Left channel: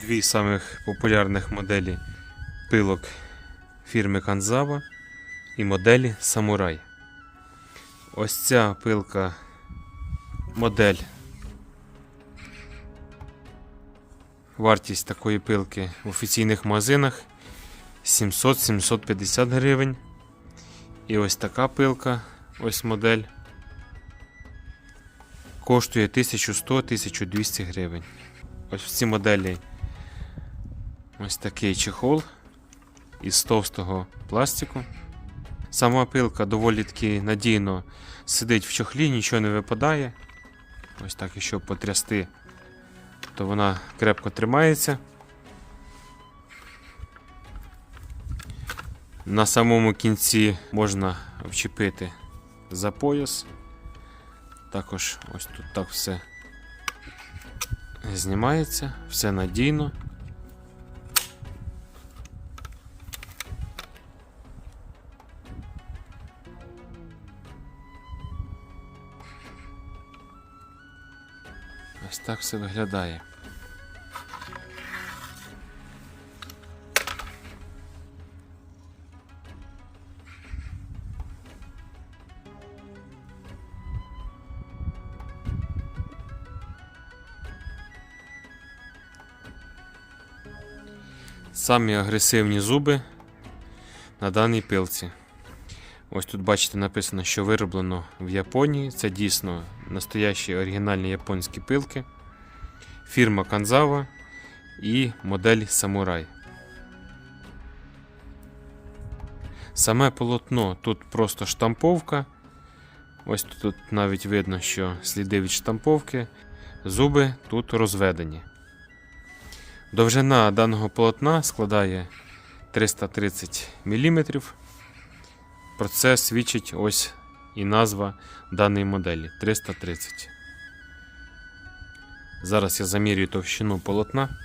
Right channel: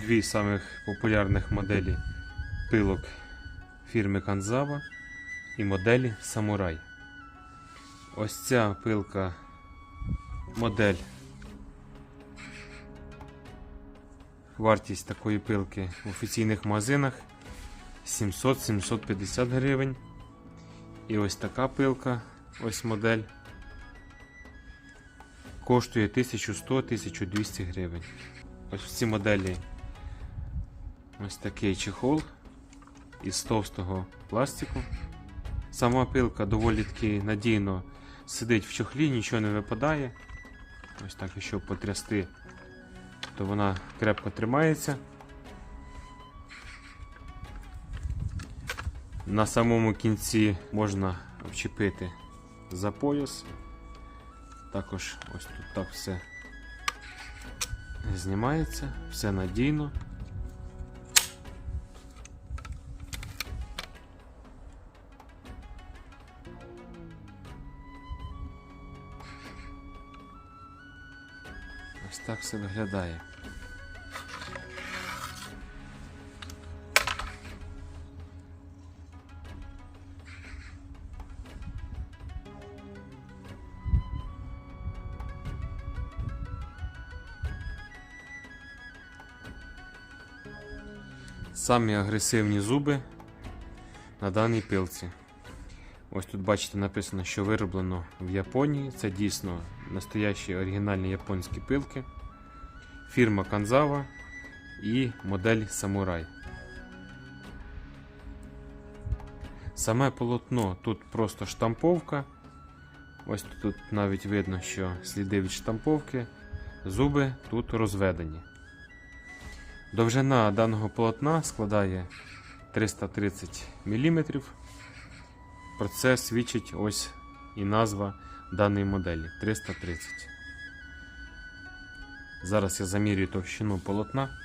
дві самих популярних моделі пилок фірми Kanzawa і моделі Samurai. Ось ця пилка модель. Вартість такої пилки в офіційних магазинах 700-750 гривень. І ось така пилка, ось модель. Коштує 1100-1200 гривень. Ось в цій моделі ось такий чехол із товстого пластику. Сама пилка доволі таки надійно сидить в чохлі, нічого не випадає. Ось так, якщо потрясти, то вона крепко тримається. На самому кінці можна вчепити за пояс. Також ось тут так все знімається, все надійно. Ось так все виглядає. Самі агресивні зуби на даній пилці. Ось тут бачите написано, що вироблено в Японії. Це дійсно настоящі оригінальні японські пилки. Фірма Kanzawa і модель Samurai. Саме полотно тут просто штамповка. Ось тут навіть видно, що сліди від штамповки. Зуби тут розведені. Довжина даного полотна складає 330 мм. Про це свідчить ось і назва даної моделі 330. Зараз я замірюю товщину полотна.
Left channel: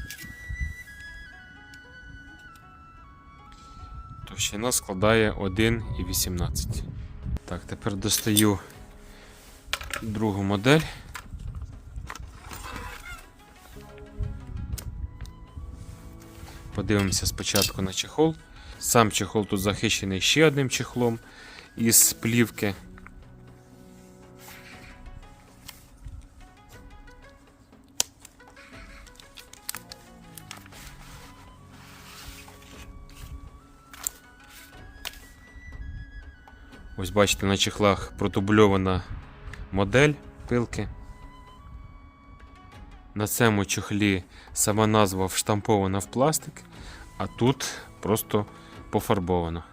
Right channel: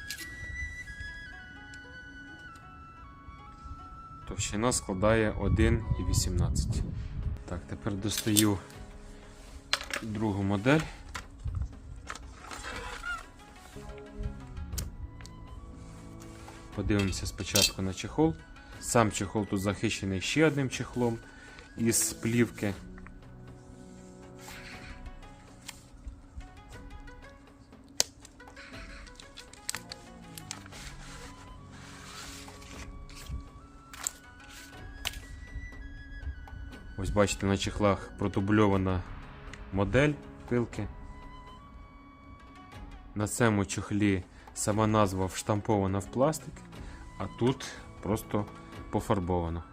Товщина складає 1,18. Так, тепер достаю другу модель. Подивимося спочатку на чехол. Сам чехол тут захищений ще одним чехлом із плівки. Ось бачите, на чехлах протубльована модель пилки. На цьому чохлі сама назва вштампована в пластик, а тут просто пофарбовано.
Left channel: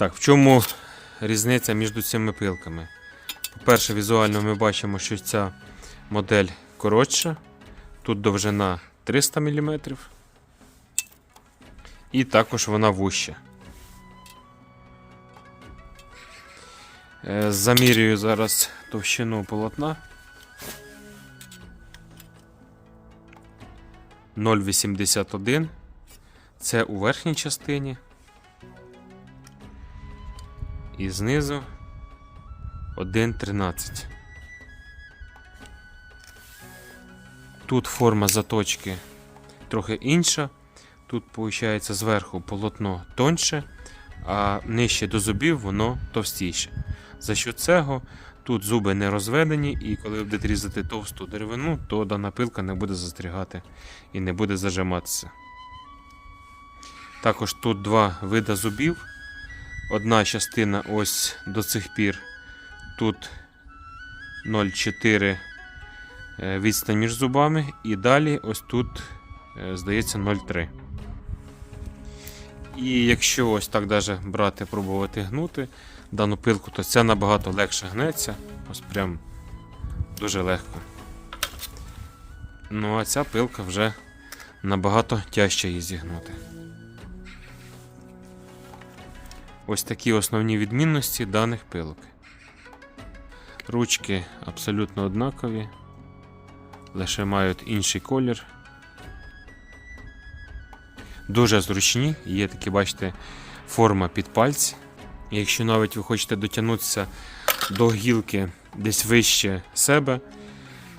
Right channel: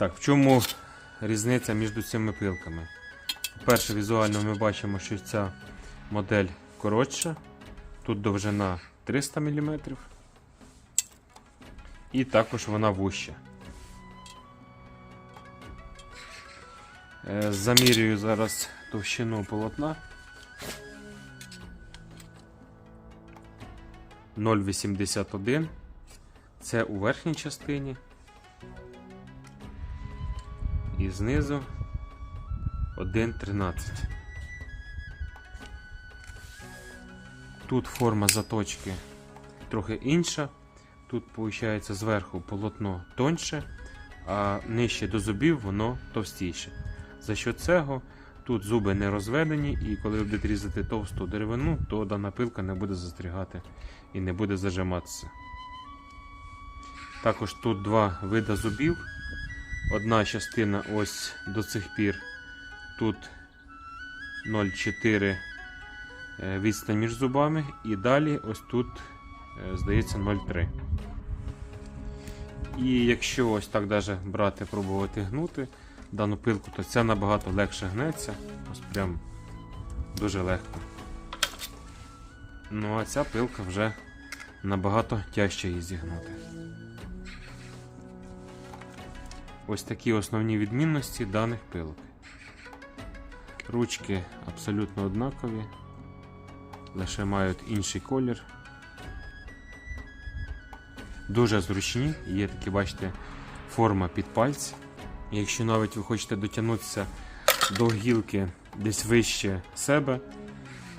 Так, в чому різниця між цими пилками? По-перше, візуально ми бачимо, що ця модель коротша. Тут довжина 300 мм. І також вона вуща. Замірюю зараз товщину полотна. 0,81. Це у верхній частині. І знизу 1,13. Тут форма заточки трохи інша. Тут, виходить, зверху полотно тоньше, а нижче до зубів воно товстіше. За що цього тут зуби не розведені, і коли ви будете різати товсту деревину, то дана пилка не буде застрягати і не буде зажиматися. Також тут два види зубів. Одна частина ось до цих пір. Тут 0,4 е, відстань між зубами, і далі ось тут, е, здається, 0,3. І якщо ось так даже брати, пробувати гнути дану пилку, то ця набагато легше гнеться. Ось прям дуже легко. Ну а ця пилка вже набагато тяжче її зігнути. Ось такі основні відмінності даних пилок. Ручки абсолютно однакові, лише мають інший колір. Дуже зручні, є такі, бачите, форма під пальці. Якщо навіть ви хочете дотягнутися до гілки десь вище себе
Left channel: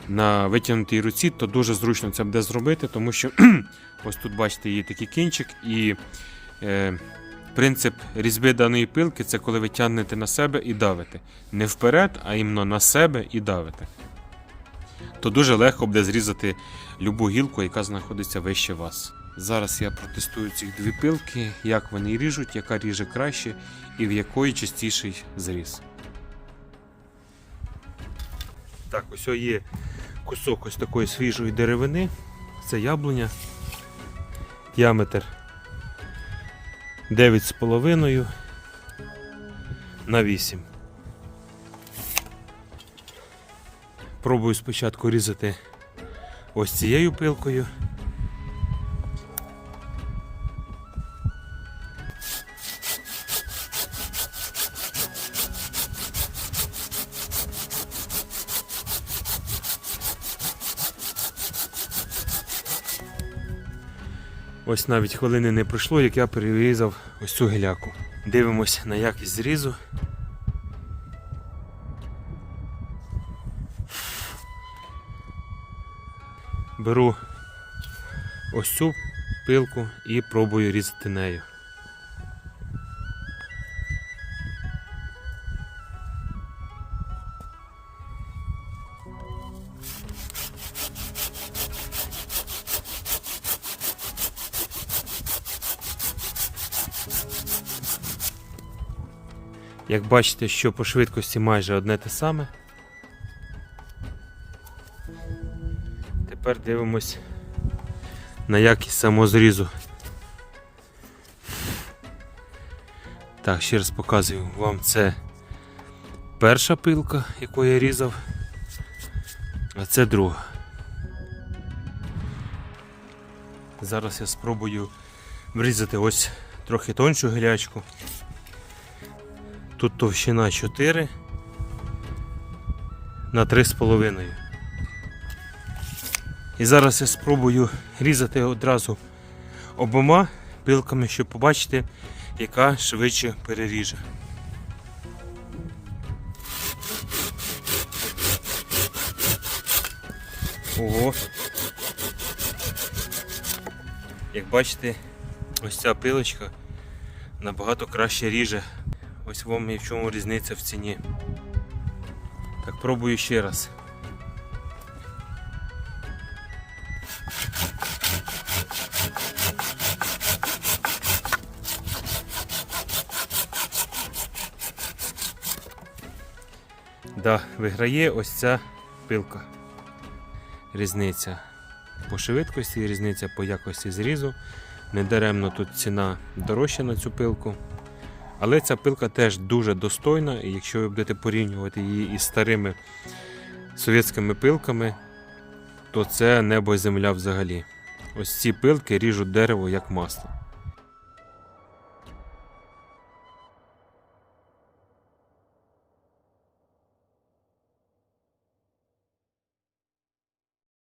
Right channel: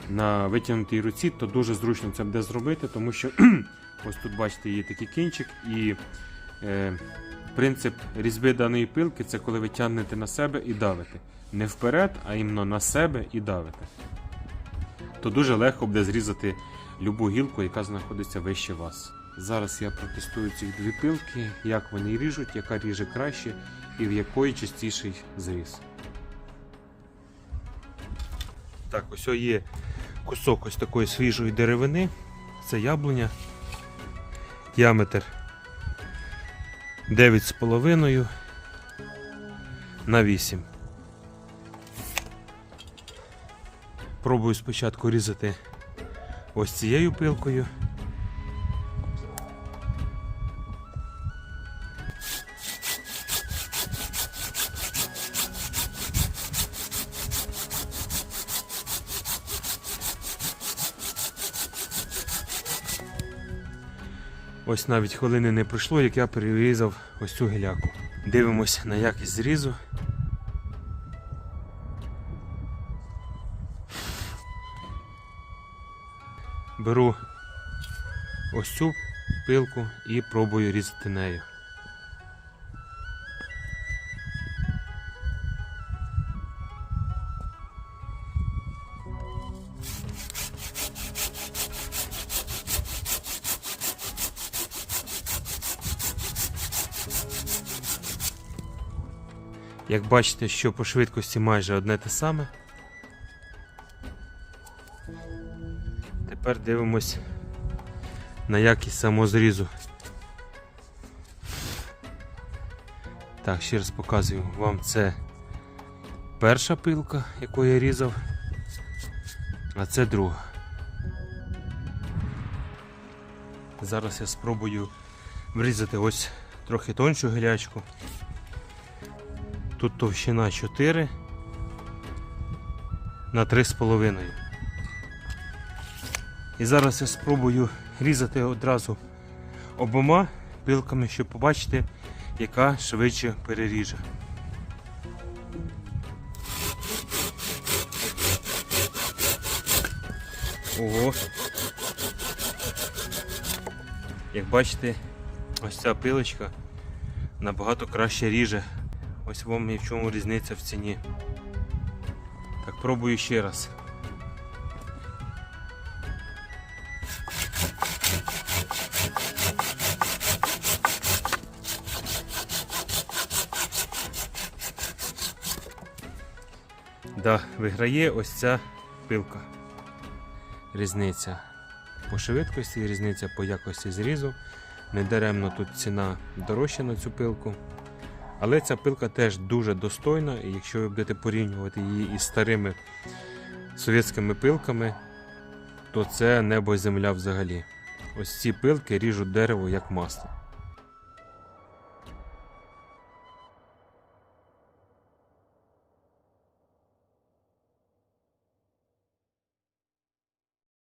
на витягнутій руці, то дуже зручно це буде зробити, тому що ось тут, бачите, є такий кінчик, і е, принцип різьби даної пилки це коли ви тягнете на себе і давите. Не вперед, а іменно на себе і давите. То дуже легко буде зрізати любу гілку, яка знаходиться вище вас. Зараз я протестую ці дві пилки, як вони ріжуть, яка ріже краще і в якої частіший зріз. Так, ось є кусок ось такої свіжої деревини. Це яблуня. Діаметр 9,5 на 8. Пробую спочатку різати ось цією пилкою. Ось навіть хвилини не пройшло, як я перерізав ось цю гіляку. Дивимось на якість зрізу. Беру ось цю пилку і пробую різати нею. Як бачите, що по швидкості майже одне те саме. Тепер дивимось на якість самозрізу. Так, ще раз показую вам це перша пилка, яку я різав, а це друга. Зараз я спробую врізати ось трохи тоншу гілячку. Тут товщина 4 на 3,5. І зараз я спробую різати одразу обома пилками, щоб побачити, яка швидше переріже. Ого. Як бачите, ось ця пилочка набагато краще ріже. Ось вам і в чому різниця в ціні. Так, пробую ще раз. Да, виграє ось ця пилка. Різниця по швидкості, різниця по якості зрізу. Недаремно тут ціна дорожча на цю пилку. Але ця пилка теж дуже достойна, і якщо ви будете порівнювати її із старими совєтськими пилками, то це небо і земля взагалі. Ось ці пилки ріжуть дерево як масло.